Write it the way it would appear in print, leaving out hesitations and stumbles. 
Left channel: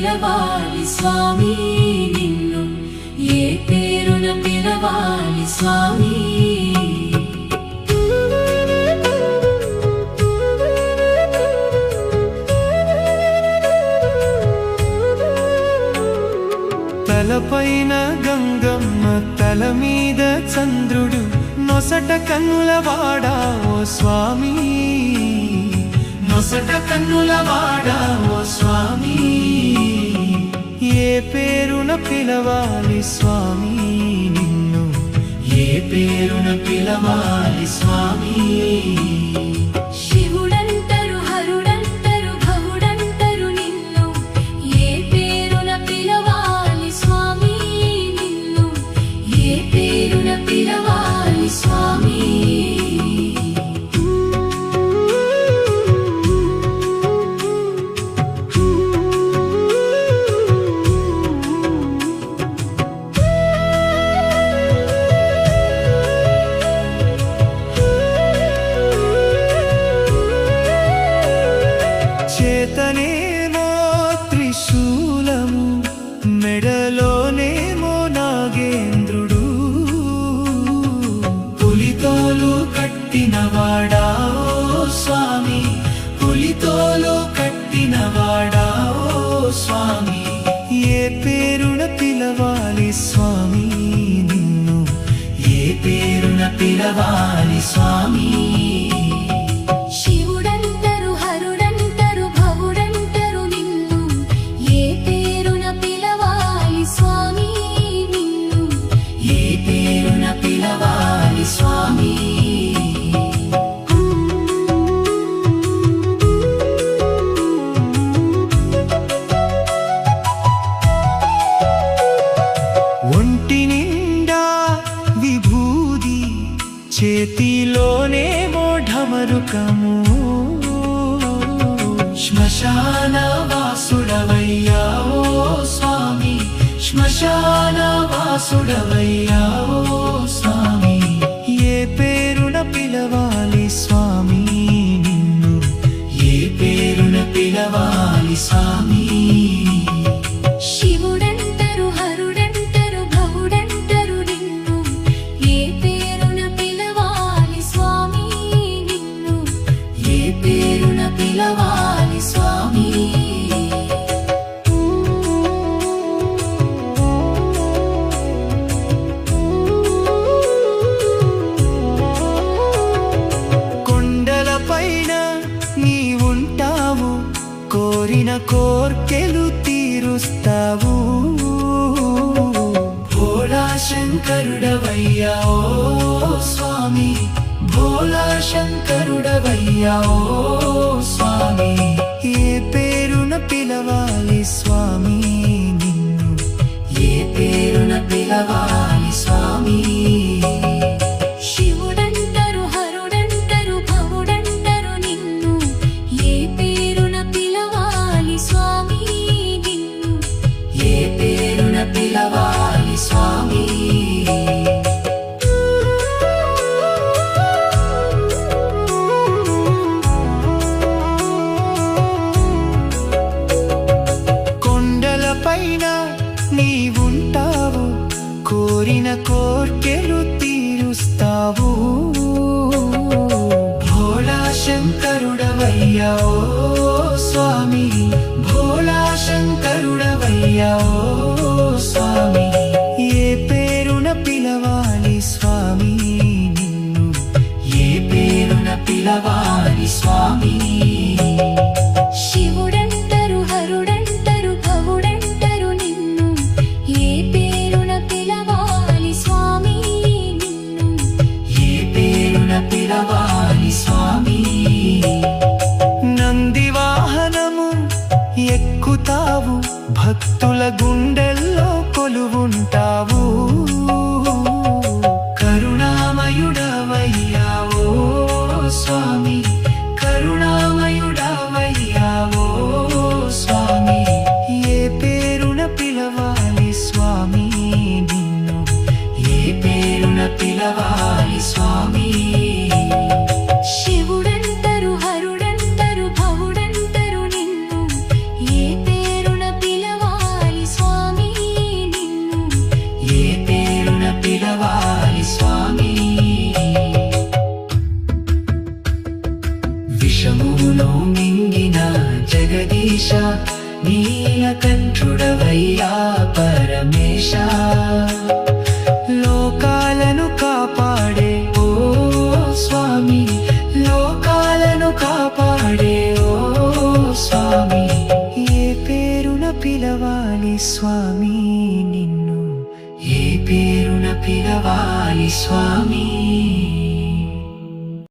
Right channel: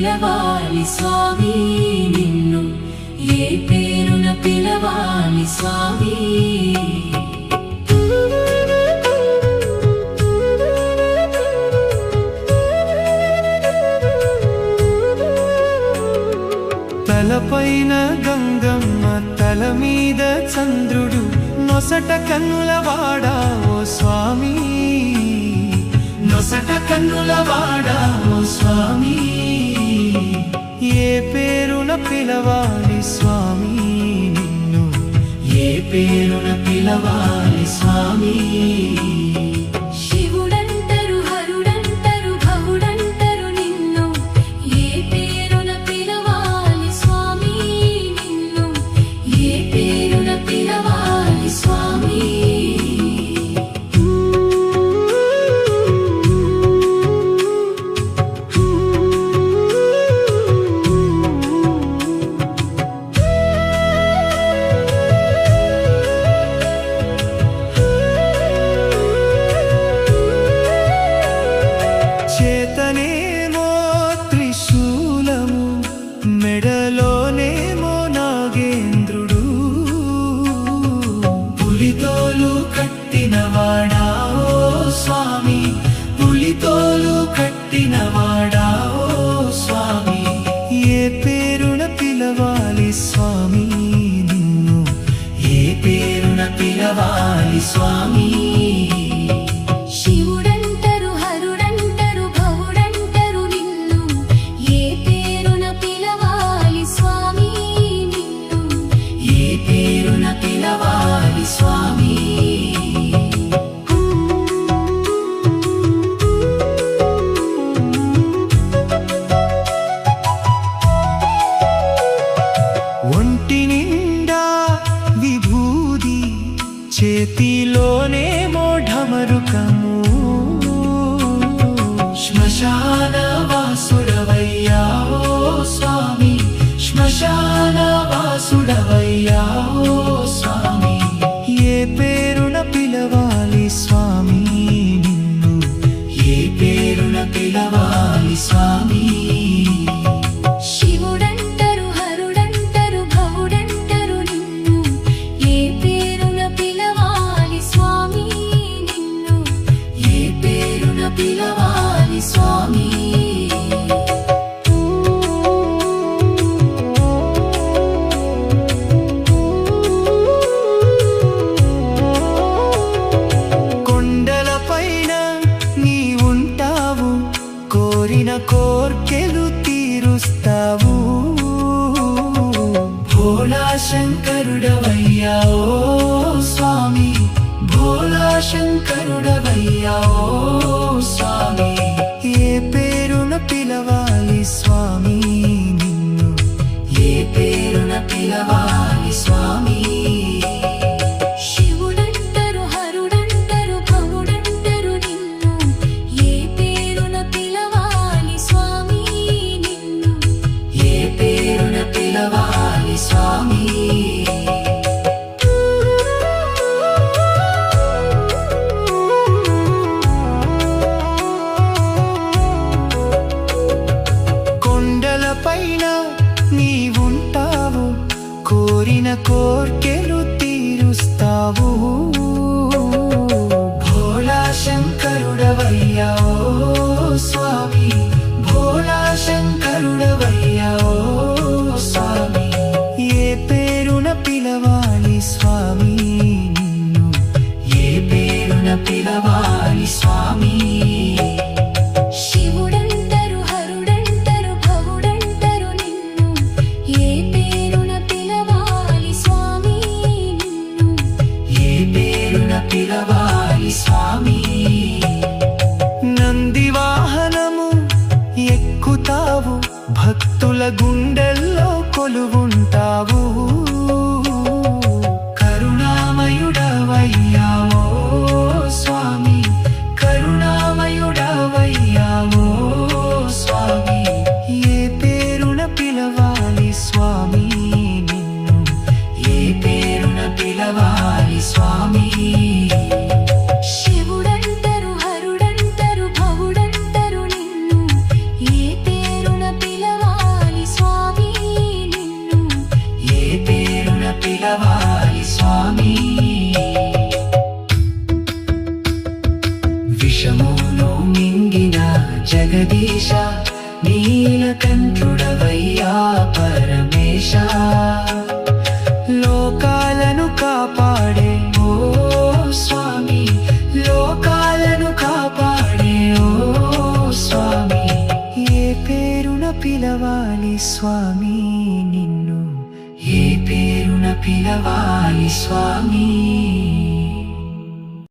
పిలవాలి స్వామి నిన్ను, ఏ పేరున పిలవాలి స్వామి. తలపైన గంగమ్మ, తల మీద చంద్రుడు, నొసట కన్నుల వాడా ఓ స్వామి, నొసట కన్నుల వాడా ఓ స్వామి. ఏ పేరున పిలవాలి స్వామి నిన్ను, ఏ పేరున పిలవాలి స్వామి. శివుడంటరు హరుడంటరు భవుడంటరు నిన్ను, ఏ పేరున పిలవాలి స్వామి నిన్ను, ఏ పేరున పిలవాలి స్వామి. చేతనేమో త్రిశూలము, మెడలోనేమో నాగేంద్రుడు, పులితోలు కట్టినవాడా ఓ స్వామి, పులితోలు కట్టినవాడా ఓ స్వామి. ఏ పేరున పిలవాలి స్వామి నిన్ను, ఏ పేరున పిలవాలి స్వామి. శివుడంటరు హరుడంటరు భవుడంటరు నిన్ను, ఏ పేరున పిలవాలి స్వామి నిన్ను, ఏ పేరున పిలవాలి స్వామి. ఒంటి నిండా విభూది, చేతిలోనేమో ఢమరుకము, శ్మశాన వాసుడవయ్యా ఓ స్వామి, శ్మశాన వాసుడవయ్యా ఓ స్వామి. ఏ పేరున పిలవాలి స్వామి నిన్ను, ఏ పేరున పిలవాలి స్వామి. శివుడంటరు హరుడంటరు భవుడంటరు నిన్ను, ఏ పేరున పిలవాలి స్వామి నిన్ను, ఏ పేరున పిలవాలి స్వామి. కొండలపైన నీ ఉంటావు, కోరిన కోర్కెలు తీరుస్తావు, భోళా శంకరుడవయ్యా ఓ స్వామి, భోళా శంకరుడవయ్యా ఓ స్వామి. ఏ పేరున పిలవాలి స్వామి నిన్ను, ఏ పేరున పిలవాలి స్వామి. శివుడంటరు హరుడంటరు భవుడంటరు నిన్ను, ఏ పేరున పిలవాలి స్వామి నిన్ను, ఏ పేరున పిలవాలి స్వామి. కొండలపైన నీవుంటావు, కోరిన కోర్కెలు తీరుస్తావు, భోళా శంకరుడవయ్యా ఓ స్వామి, భోళా శంకరుడవయ్యా ఓ స్వామి. ఏ పేరున పిలవాలి స్వామి నిన్ను, ఏ పేరున పిలవాలి స్వామి. శివుడంటరు హరుడంటరు భవుడంటరు నిన్ను, ఏ పేరున పిలవాలి స్వామి నిన్ను, ఏ పేరున పిలవాలి స్వామి. నంది వాహనము ఎక్కుతావు, భక్తుల గుండెల్లో కొలువుంటావు, కరుణామయుడవయ్యా ఓ స్వామి, కరుణామయుడవయ్యా ఓ స్వామి. ఏ పేరున పిలవాలి స్వామి నిన్ను, ఏ పేరున పిలవాలి స్వామి. శివుడంటరు హరుడంటరు భవుడంటరు నిన్ను, ఏ పేరున పిలవాలి పిలవాలి స్వామి. విషమును మింగిన జగదీశ నీలకంఠుడవయ్యా పరమేశ. లోకాలను కాపాడే ఓ స్వామి, లోకాలను కాపాడే ఓ స్వామి. ఏ పేరున పిలవాలి స్వామి నిన్ను, ఏ పేరున పిలవాలి స్వామి.